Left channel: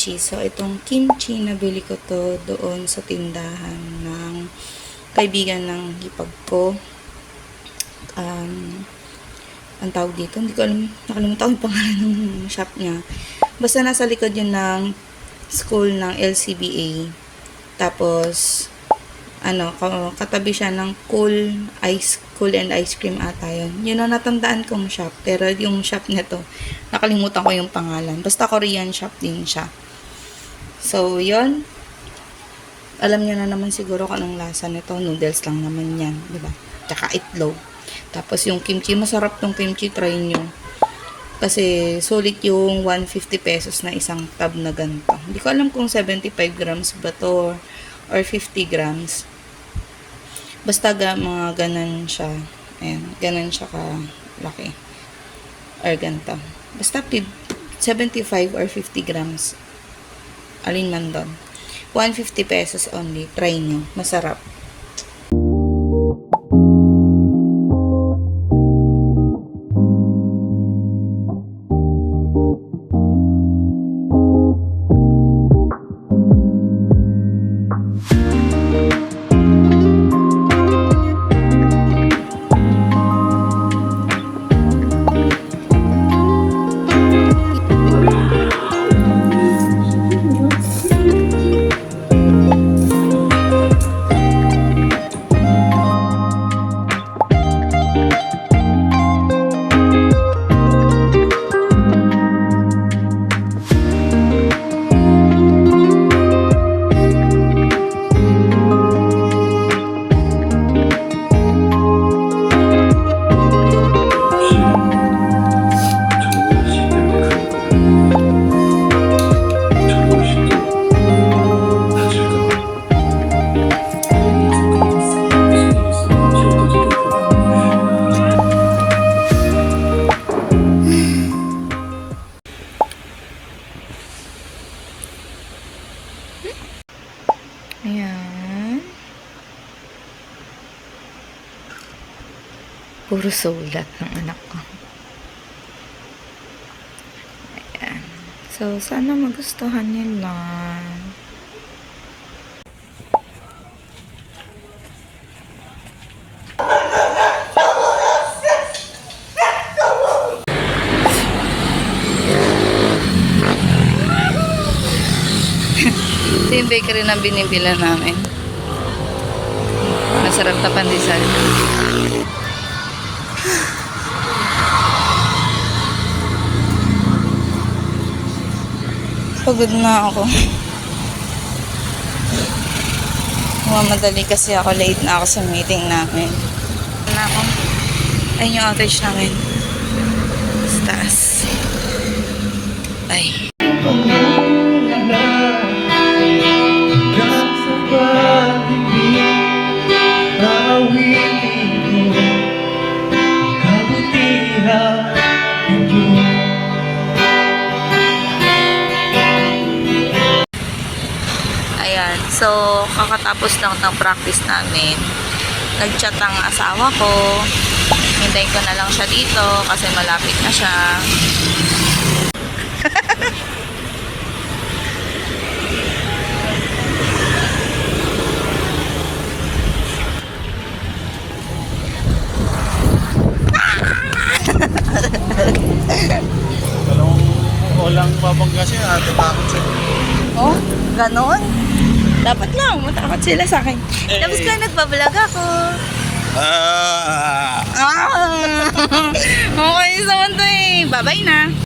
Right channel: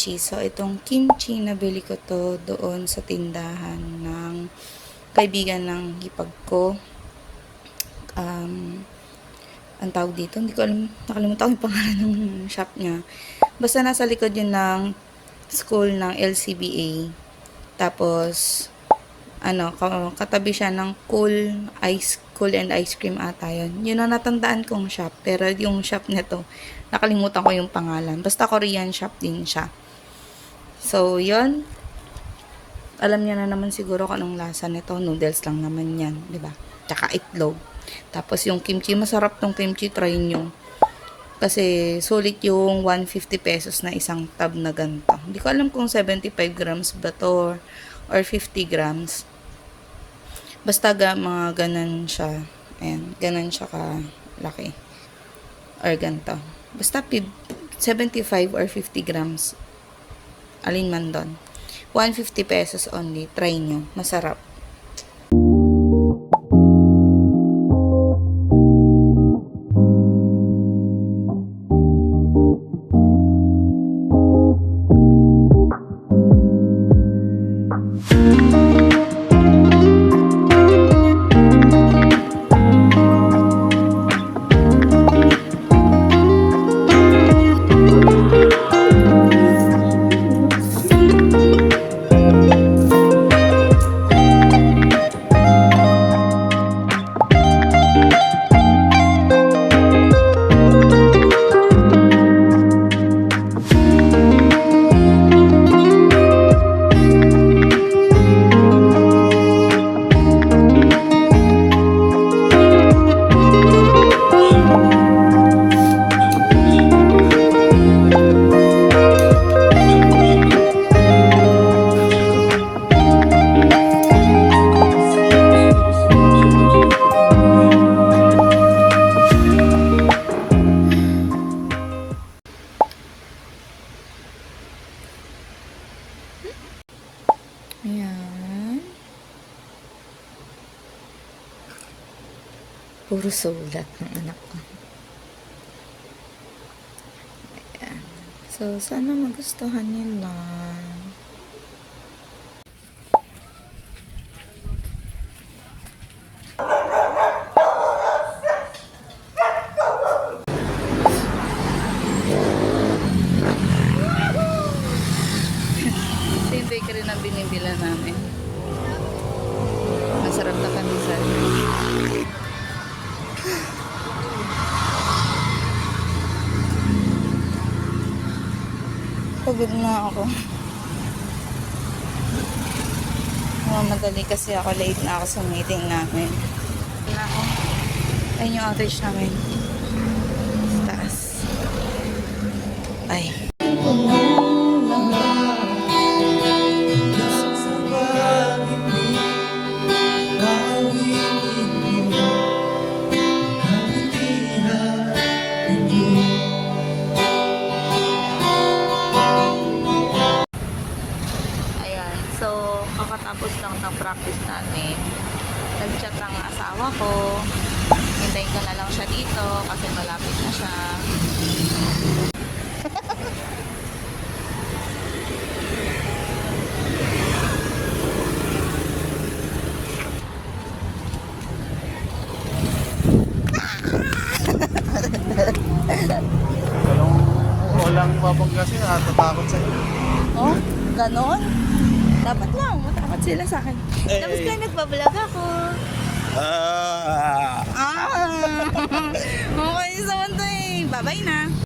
kimchi. So, itong kimchi, nabili ko to doon sa tindahan ng kaibigan ng hipag ko. Ang tawag dito, hindi ko alam, nakalimutan ko yung pangalan ng shop niya. Basta nasa likod yun ng school ng LCBA. Tapos, katabi siya ng cool and ice cream ata yun. Yun ang natandaan kong shop. Pero yung shop nito, nakalimutan ko yung pangalan. Basta Korean shop din siya. So, yun. Alam niyo na naman siguro kung anong lasa nito. Noodles lang naman yan, di ba? Tsaka itlog. Tapos yung kimchi, masarap tong kimchi, try nyo. Kasi sulit yung 150 pesos na isang tub na ganito. Hindi ko alam kung 75 grams ba to or 50 grams. Basta mga ganan siya. Ayan, ganan siya ka laki. Or ganito. Basta 75 or 50 grams. Alin man doon. 150 pesos only. Try nyo. Masarap. Ayan. Puro sulat ng anak ko. Ayan. So, sana magustuhan nila. Ito yung bakery na binibila namin. Masarap na pandesal. Pagod na ako. Mamadali kasi ako. Late na ako sa meeting namin. Ayun yung outage namin. Sa taas. Ay. So, kakatapos lang ng practice namin. Nag-chat ang asawa ko. Hintayin ko na lang siya dito kasi malapit na siya. Anong walang mabangga siya? Tatakot sa Oh, ganon? Dapat lang, matakot sila sa akin. Tapos ka nagbablog ako. Okay, so ito eh. Bye-bye na.